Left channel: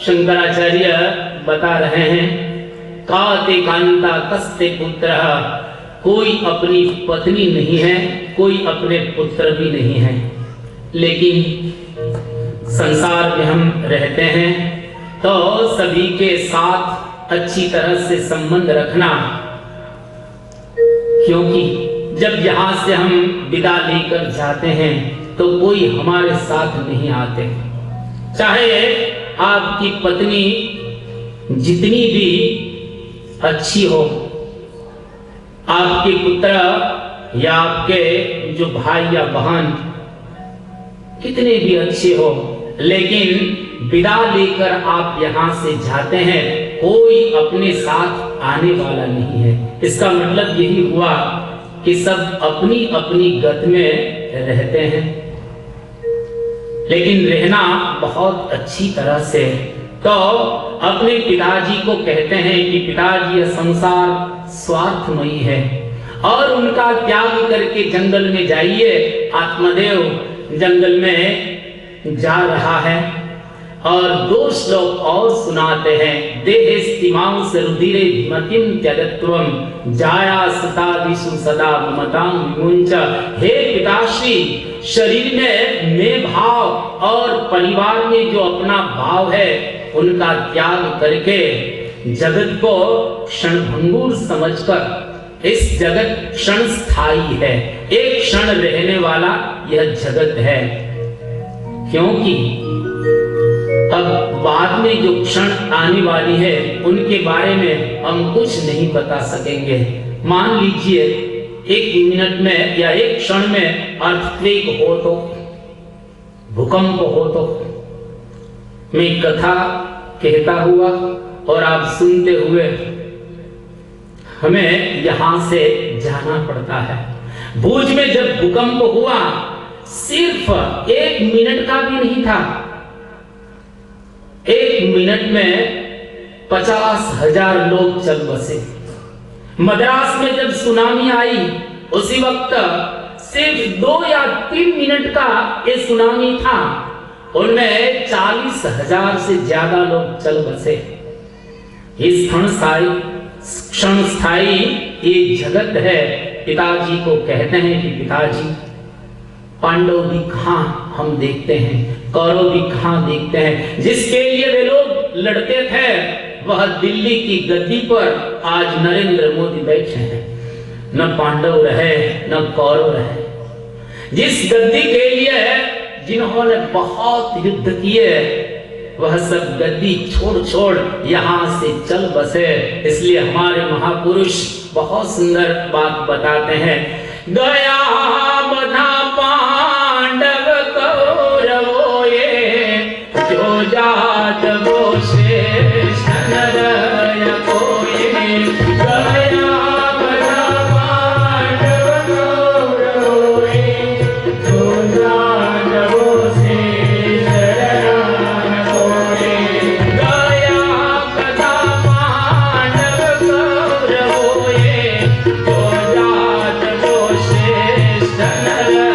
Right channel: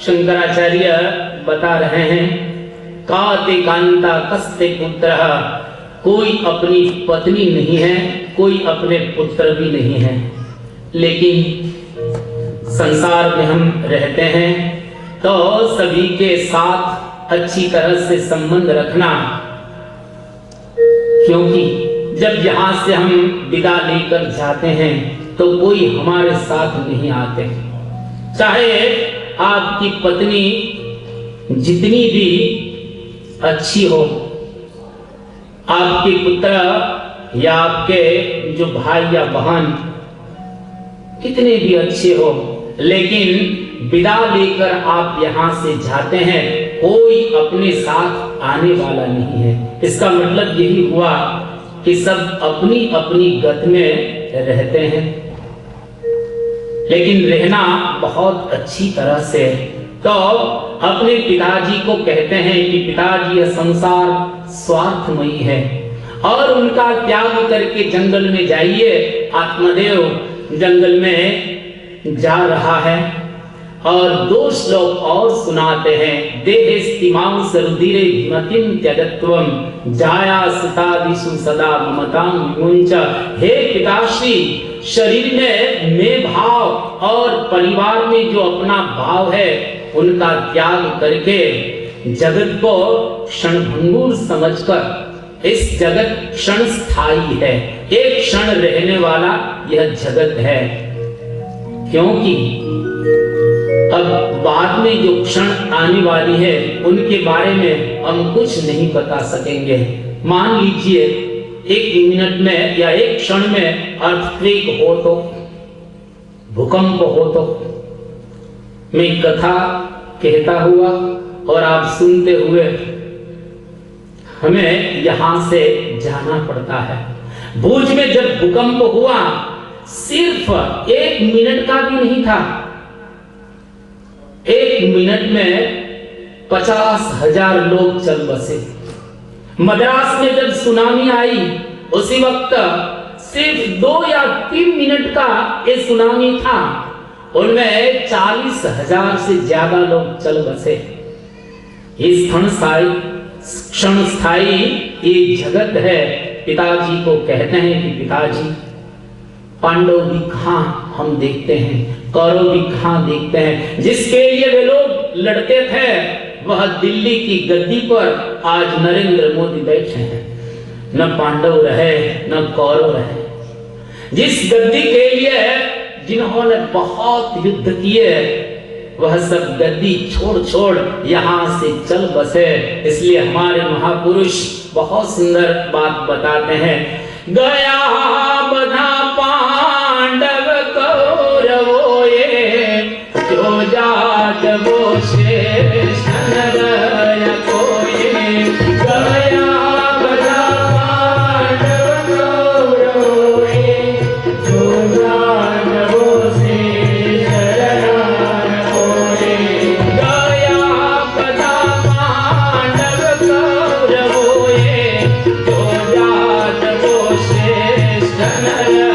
शंकराचार्य बता रहे हैं, काते कांता कस्ते पुत्र, कोई अपनी पत्नी नहीं है, कोई अपने पुत्र भी नहीं है, लेकिन संसार में हम रहते हैं तो सभी के साथ अच्छी तरह से संबंध रखना, क्योंकि जब यहाँ से हम विदा लेकर जाते हैं तो कोई हमारे साथ नहीं आते। चाहे आपकी पत्नी जितनी भी अच्छी हो, आपके पुत्र या आपके जो भाई या बहन कितने भी अच्छे हो, लेकिन विदा लेकर आप यहाँ से जाते हैं, कोई अपने साथ आने वाला नहीं है। इसका मतलब यही हुआ कि सब अपनी अपनी गत में रहते हैं, लेकिन रहना बहुत अच्छी तरह से। तो अपने पिताजी को कहते हैं कि पिताजी, यह संसार स्वार्थमयी है और उनका त्याग करके जंगल में जाइए। आत्मदेव जंगल में जा रहा है और दो श्लोक और सुनाते हैं। देहेस्तिमांस रुधिरे मतिम त्यजत्वम जाया सतादिषु सदा ममतां विमुञ्च। हे पिताश्री, शरीर में मैं भाव और परिवार में जो अपना भाव है उनका त्याग करके जगत को क्षणभंगुर समझकर, इस जगत क्षण स्थायी है, एक क्षण रहने वाला यह जगत है, क्योंकि अब बाद में जो क्षण आने वाली है उनके बारे में हम कुछ नहीं बता सकेंगे। मान लीजिए एक मिनट में या एक क्षण में अर्थक्वेक हो तो, भूकंप हो तो, मैं कथा कहता हुआ और आप सुनते हुए हमें यहां से जाना पड़ता है। भुज में जब भूकंप हुआ, सिर्फ 1 मिनट का भी नहीं था, 1 मिनट में 50,000 लोग चल बसे। मद्रास में जब सुनामी आई, उसी वक्त सिर्फ 2 या 3 मिनट का ये सुनामी था, उनमें 40,000 से ज्यादा लोग चल बसे। इस क्षण स्थायी ये जगत है। पिताजी को कहते हैं कि पिताजी, पांडव भी कहां हम देखते हैं, कौरव भी कहां देखते हैं। जिसके लिए वे लोग लड़ते थे वह दिल्ली की गद्दी पर आज नरेंद्र मोदी बैठे हैं। न पांडव रहे न कौरव रहे। जिस गद्दी के लिए जिन्होंने बहुत युद्ध किए, वह सब गद्दी छोड़ छोड़ यहाँ से चल बसे। इसलिए हमारे महापुरुष बहुत सुंदर बात बताते हैं। गया बधा पांडव कौरवों ये, जो जात वो शेष नर कोई। गया बधा पांडव कौरवों ये, जो जात वो शेष नर कोई। गया बधा पांडव कौरवों ये, जो जात वो शेष नर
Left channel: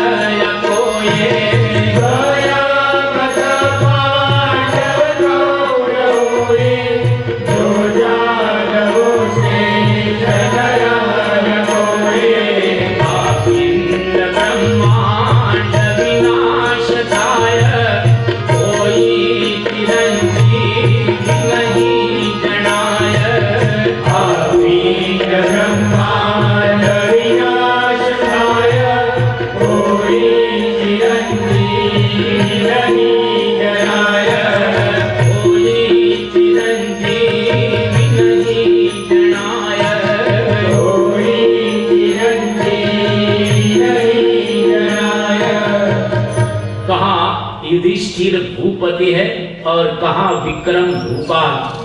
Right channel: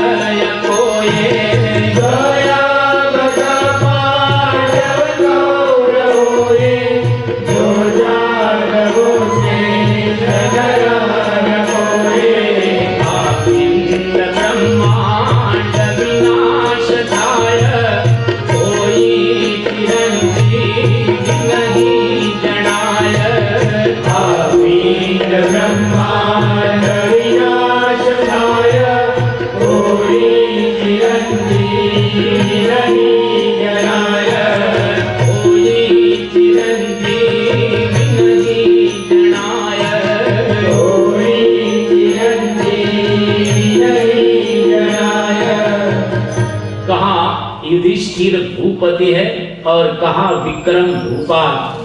युधिष्ठिर भूपति है और कहा विक्रम भूपाल।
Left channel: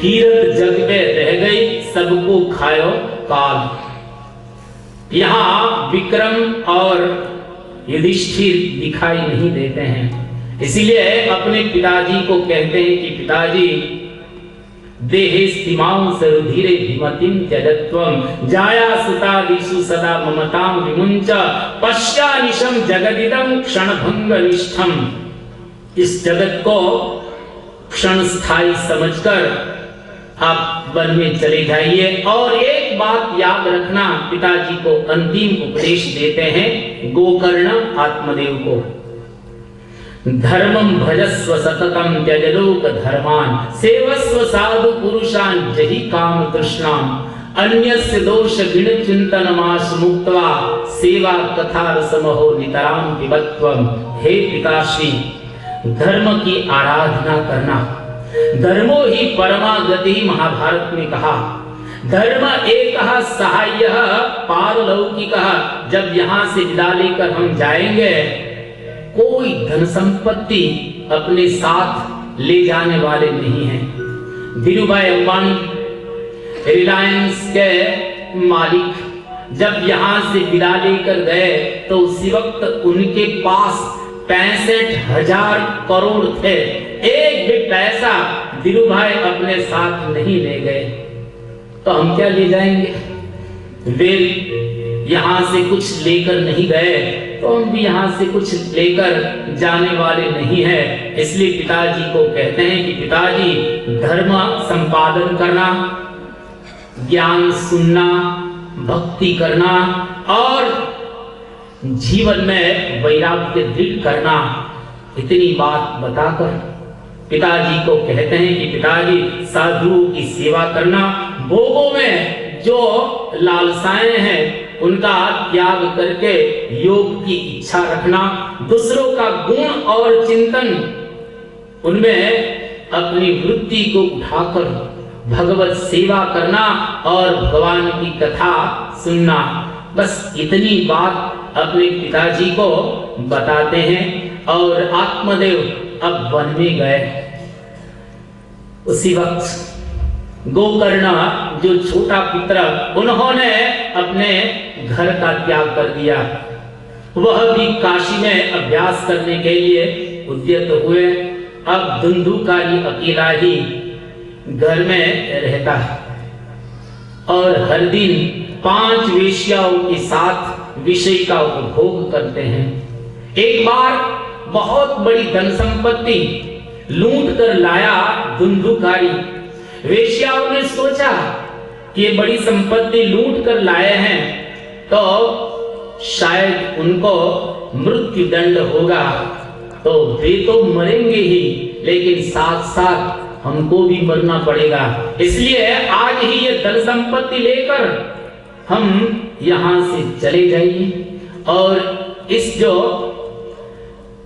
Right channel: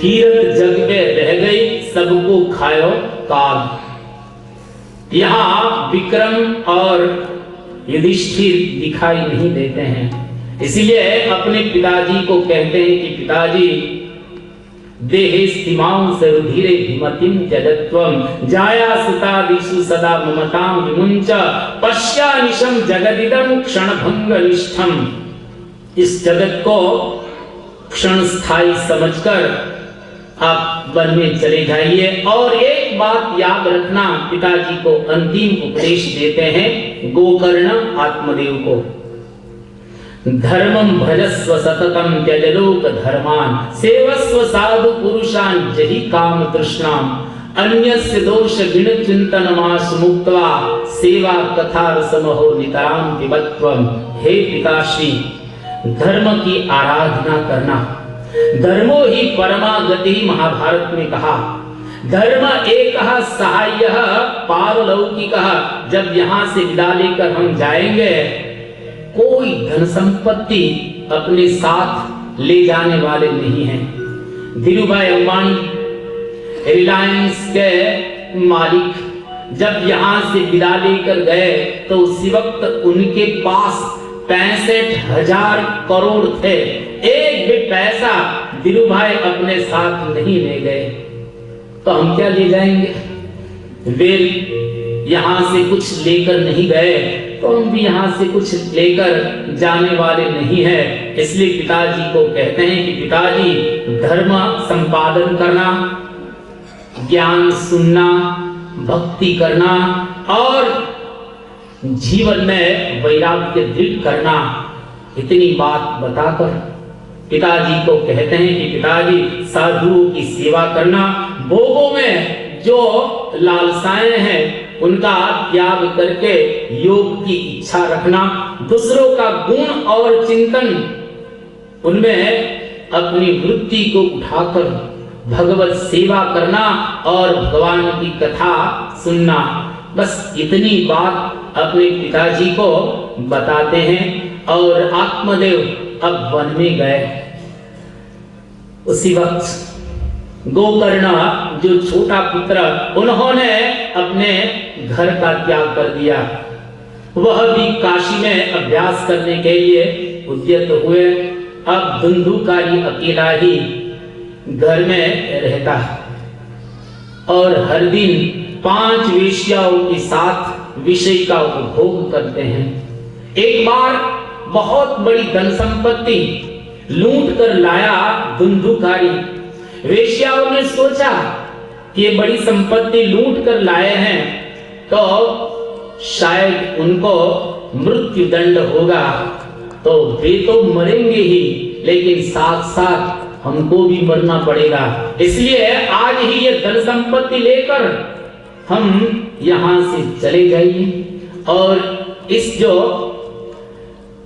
कीरत जग में रह गई सबको खायो काल। यहाँ विक्रम और युधिष्ठिर दिखाई नहीं देते हैं, इसलिए अपने पिताजी को कहते हैं कि पिताजी देहेस्तिमां सरुधिरे विमतिं त्यजत्वं जाया सुतादिषु सदा ममतां विमुञ्च पश्यानिशं जगदिदं क्षणभंगनिष्ठं। इस जगत को क्षण स्थायी समझकर आप वन में चले जाइए। और एक बात याद रखना, पिताजी को अंतिम उपदेश देते हैं गोकर्ण आत्मदेव को। धर्मं भजस्व सततं त्यज लोक धर्मान् सेवस्व साधु पुरुषान् जहि काम तृष्णाम् अन्यस्य दोष गुण चिंतनमास मुक्त्वा सेवा कथा रसमहो नितराम पिबत्वम्। हे पिताश्री, धर्म की आराधना करना, धर्मो ही परमा गति महाभारत में कहा। धर्म एकः सहाय्यः पारलौकिकः। जब यहाँ से विदा लेकर हम जाएंगे, कोई धन संपत्ति अपने साथ ले जाने वाले नहीं हैं। धीरूभाई अंबानी रिलायंस के मालिक जब यहाँ से विदा लेकर गए तो उसी वक्त उनके पास 65,000 करोड़ थे। एक भी पैसा धीरूभाई अपने साथ नहीं ले गए, तो हम क्या ले जाएंगे? वे यहाँ से कुछ लेकर नहीं गए तो हम भी यहाँ से कुछ लेकर जाने वाले नहीं है। इसलिए पिताजी को कहते हैं कि पिताजी, धर्म संपादन करना, ज्ञान सुनना, भक्ति करना और जीवन में वैराग्य दृढ़ करना, इतनी बात बताकर पिताजी को कहते हैं कि पिताजी, साधुओं की सेवा करना, भोगों में जो लालसाएं हैं उनका त्याग करके योग की इच्छा रखना, दूसरों का गुण और चिंतन उनमें अपनी वृत्ति को उठाकर भगवत सेवा करना और भगवान की कथा सुनना। बस इतनी बात अपने पिताजी को बताते हैं और आत्मदेव अब वन में गए। उसी वक्त गोकर्ण जो छोटा पुत्र, उन्होंने अपने घर का त्याग कर दिया। वह भी काशी में अभ्यास करने के लिए उद्यत हुए। अब धुंधुकारी अकेला ही घर में रहता और हर दिन 5 वेश्याओं के साथ विषय का उपभोग करते हैं। एक बार बहुत बड़ी धन संपत्ति लूट कर लाया धुंधुकारी। वेश्याओं ने सोचा कि ये बड़ी संपत्ति लूट कर लाए हैं तो शायद उनको मृत्यु दंड होगा, तो वे तो मरेंगे ही, लेकिन साथ साथ हमको भी मरना पड़ेगा। इसलिए आज ही ये धन संपत्ति लेकर हम यहाँ से चले जाइए और इस जो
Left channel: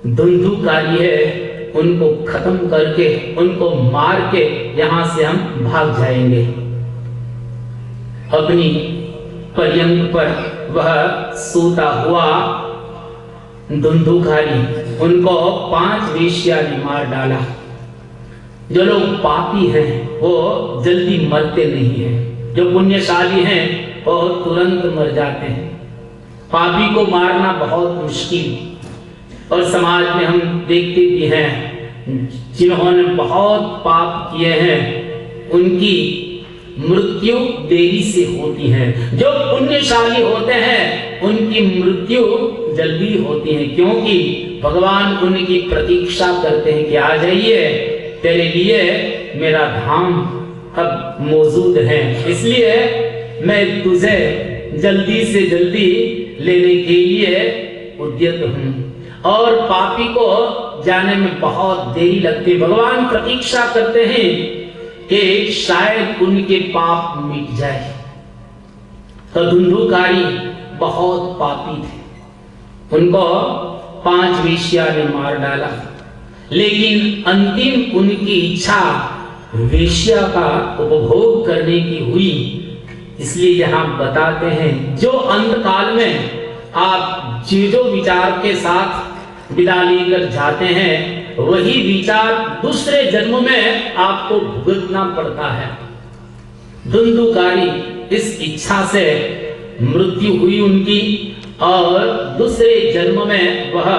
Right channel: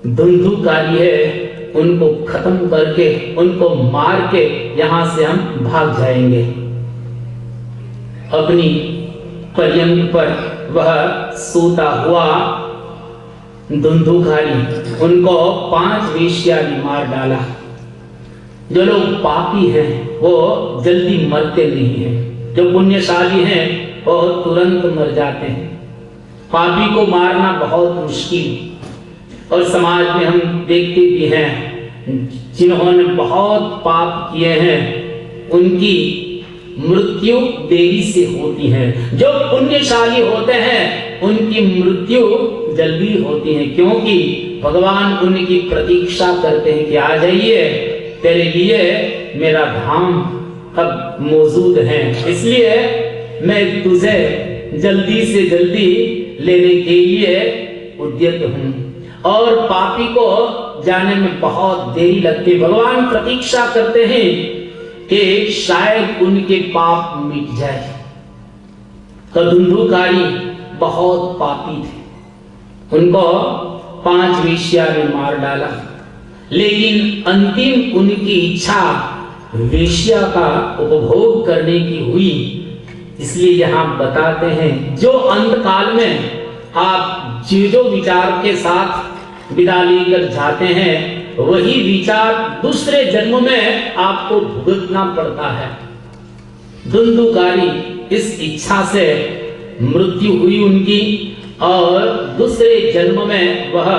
धुंधुकारी है उनको खत्म करके, उनको मार के यहाँ से हम भाग जाएंगे। अपनी पर्यंक पर वह सोता हुआ धुंधुकारी उनको 5 वेश्या ने मार डाला। जो लोग पापी हैं वो जल्दी मरते नहीं हैं, जो पुण्यशाली हैं वो तुरंत मर जाते हैं। पापी को मारना बहुत मुश्किल, और समाज में हम देखते भी हैं जिन्होंने बहुत पाप किए हैं उनकी मृत्यु देरी से होती है। जो पुण्यशाली होते हैं उनकी मृत्यु जल्दी होती है, क्योंकि भगवान उनकी प्रतीक्षा करते हैं कि आ जाइए, तेरे लिए मेरा धाम अब मौजूद है, इसलिए मैं तुझे जल्दी से जल्दी लेने के लिए उद्यत हूं। और पापी को जाने में बहुत देरी लगती। भगवान प्रतीक्षा करते हैं कि शायद उनके पाप मिट जाए। तो धुंधुकारी बहुत पापी थे, उनको 5 वेश्या ने मार डाला, लेकिन अंतिम उनकी इच्छा वेश्या का उपभोग करने की हुई। इसलिए यहाँ बताते हैं जो अंतकाल में आप जो विचार के साथ विदा लेकर जाते हैं, वही विचार दूसरे जन्म में आपको भुगतना पड़ता है। धुंधुकारी इस इच्छा से मृत्यु हुई उनकी और दूसरे जन्म में वह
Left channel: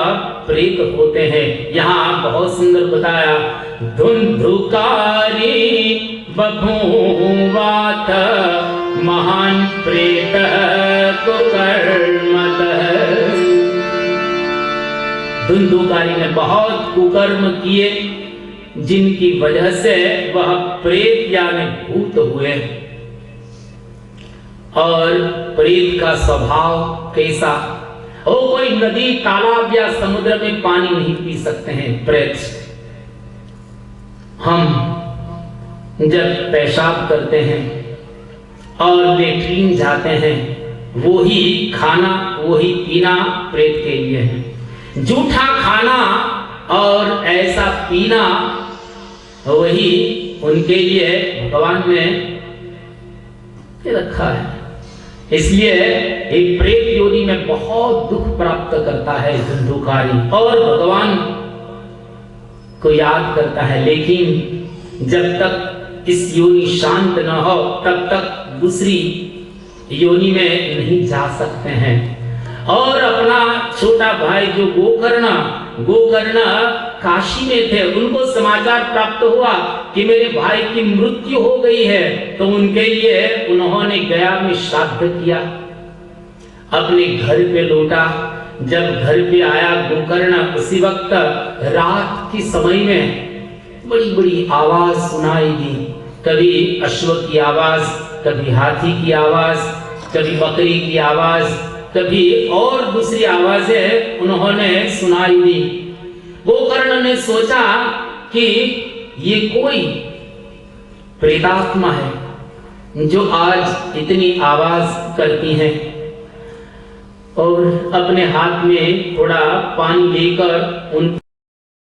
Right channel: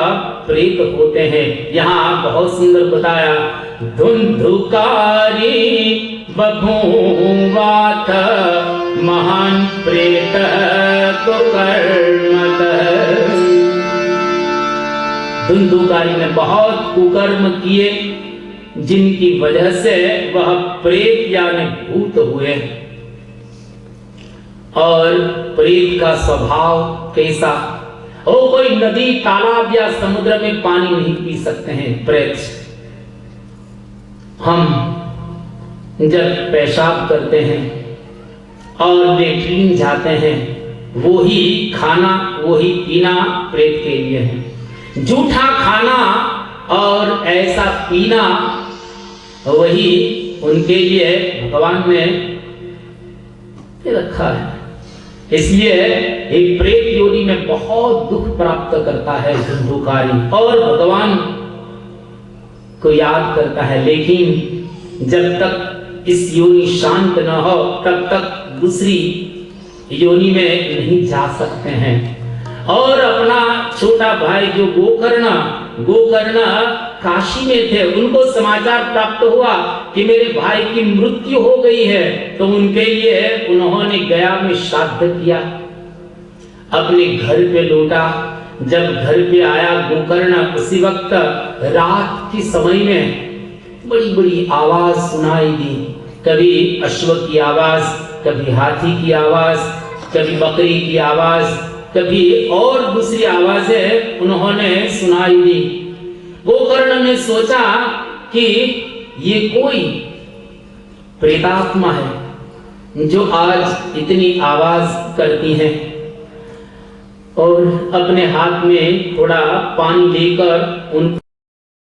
प्रेत होते हैं। यहाँ बहुत सुंदर बताया, धुंधुकारी बभूवाथ महान प्रेत कुकर्मत। धुंधुकारी ने बहुत कुकर्म किए जिनकी वजह से वह प्रेत यानी भूत हुए। और प्रेत का स्वभाव कैसा? वो कोई नदी तालाब या समुद्र में पानी नहीं पी सकते हैं प्रेत। हम जब पेशाब करते हैं और लेट्रिन जाते हैं, वो ही खाना वो ही पीना प्रेत के लिए है। जूठा खाना और ऐसा पीना वही उनके लिए भगवान ने रखा है। इसलिए एक प्रेत योनि में बहुत दुख प्राप्त करता है धुंधुकारी और भगवान को याद करता है, लेकिन जब तक इस योनि शांत न हो तब तक दूसरी योनि में नहीं जा सकते हैं। और अपना छोटा भाई जो गोकर्ण काशी में थे, उनको समाचार प्राप्त हुआ कि मेरे भाई की मृत्यु हो गई है, तो उनके लिए उन्होंने गया में श्राद्ध किया, अपने घर पे लौटा। जब घर पे आया गोकर्ण, उसी वक्त रात के समय में बड़ी बड़ी आवाज सुनाई दी। कभी अश्व की आवाज, कभी हाथी की आवाज, कभी बकरी की आवाज, कभी और दूसरी आवाजें उन्होंने सुनाई दी। गोकर्ण ने सोचा कि ये कोई प्रेतात्मा है जो आज इतनी आवाज करती है, और अपने हाथ में थोड़ा पानी लेकर उन